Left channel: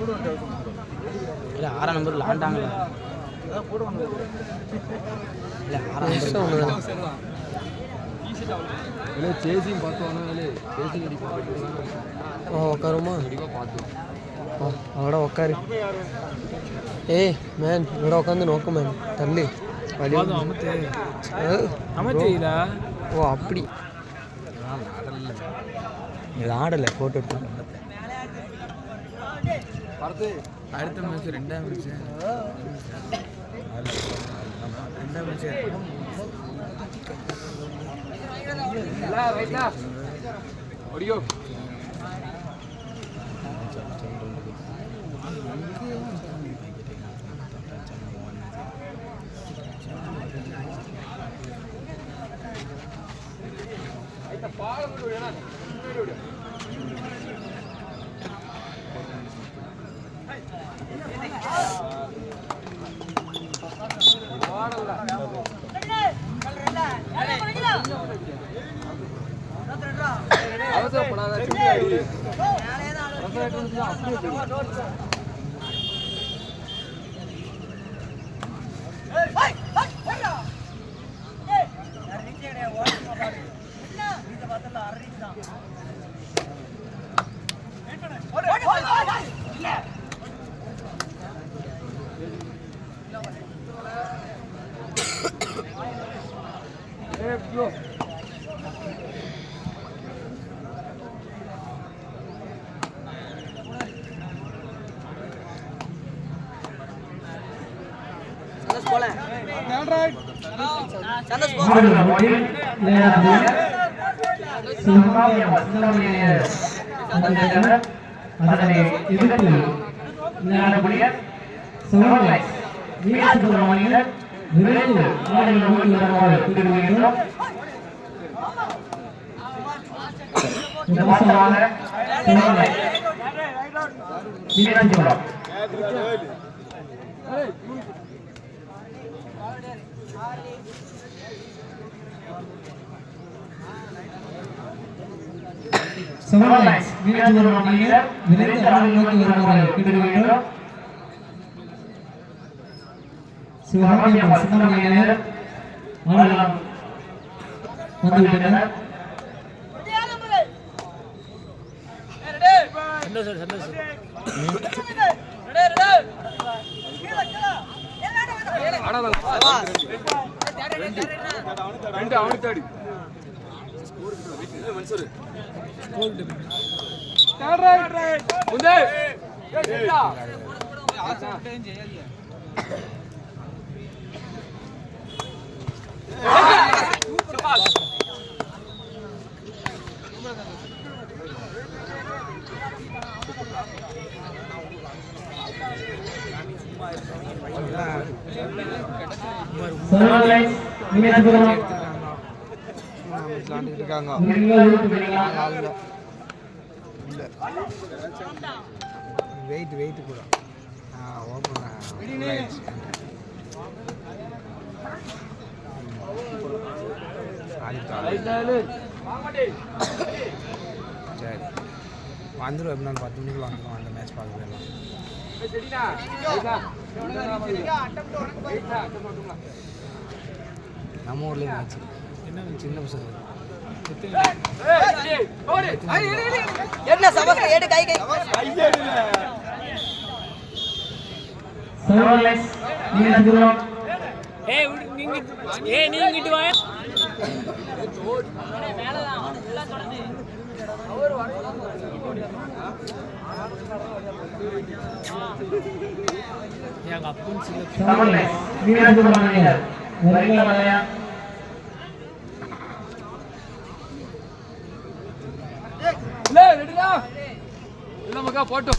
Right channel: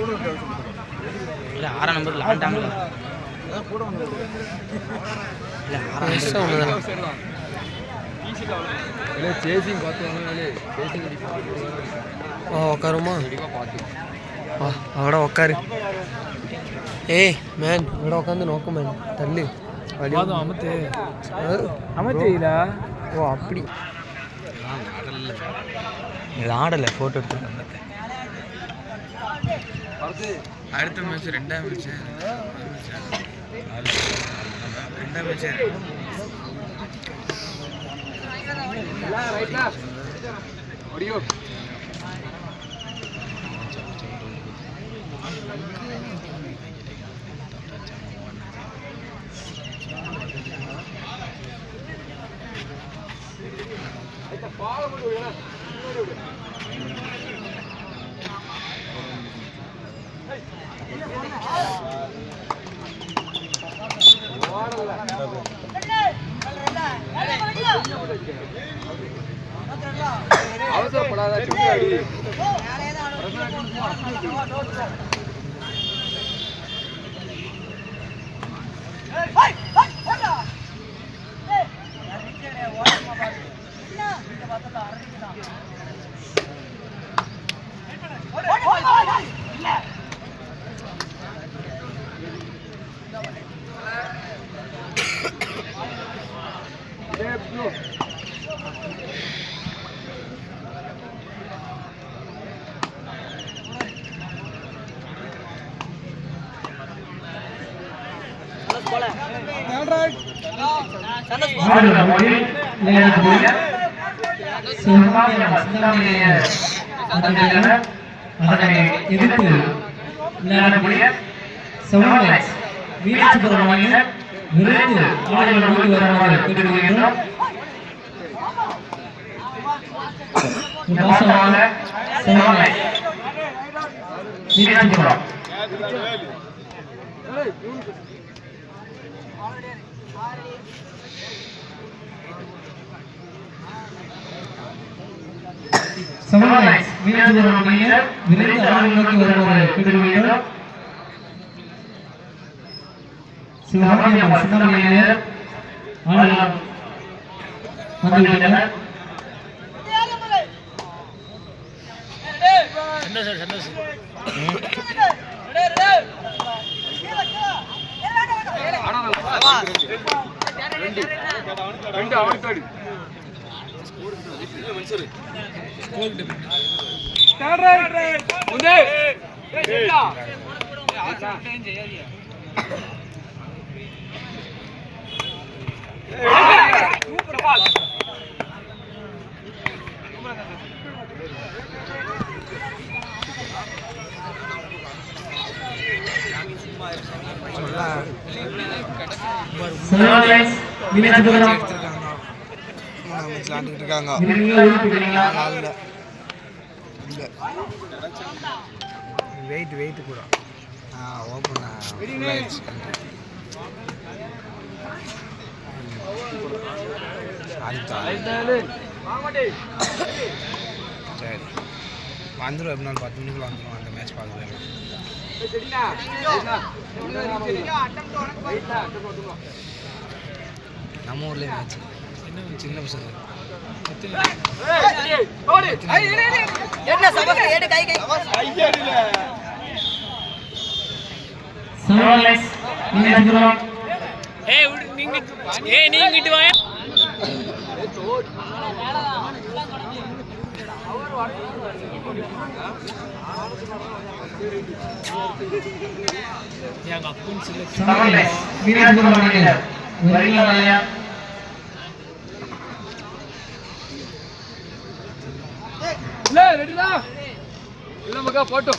இல்லை 6 நம்பர் லாண்டாங்களா இல்லை 6 இல்லை சேசிங் பார்த்தோம்னா சேசிங் உட்காருமா அவட உட்காரு. ஏய் மேன் இவட உட்காந்து நோக்க மேன் தள்ளி அமர்த்தியிலா. ஓ அப்படி இது ஆடலை ஃபோட்டோ எடுத்து அடுத்த மேட்ச் 2ஆம் மேட்ச் 2ஆம் மேட்ச் அவசரப்படாத அதனை எதிர்த்து விளையாடக்கூடிய வீரசுப்பிரமணியன் விரைந்து ஆடுகளை நோக்கி வருமாறு கேட்டுக்கொள்கிறோம். வீரசுப்பிரம் வீரசுப்பிரமணியன் விரைந்து ஆடுகளை நோக்கி வருமாறு கேட்டுக்கொள்கிறோம். சிவகாமியம்மன் சின்னமணியர் ஆளுநர் வந்துவிட்டனர். வெயிட் கூட ஓப்பன் சரி வந்துடும். எப்படி நாள் 10 மணிக்குள்ள வந்துடும். அந்த மேட்ச் பார்க்கலாம். நம்ம ஊர்லேயே மேட்ச் சின்ன பசங்க நீங்கிட்டு வாங்க. எங்க அப்பன் சில போட்டோ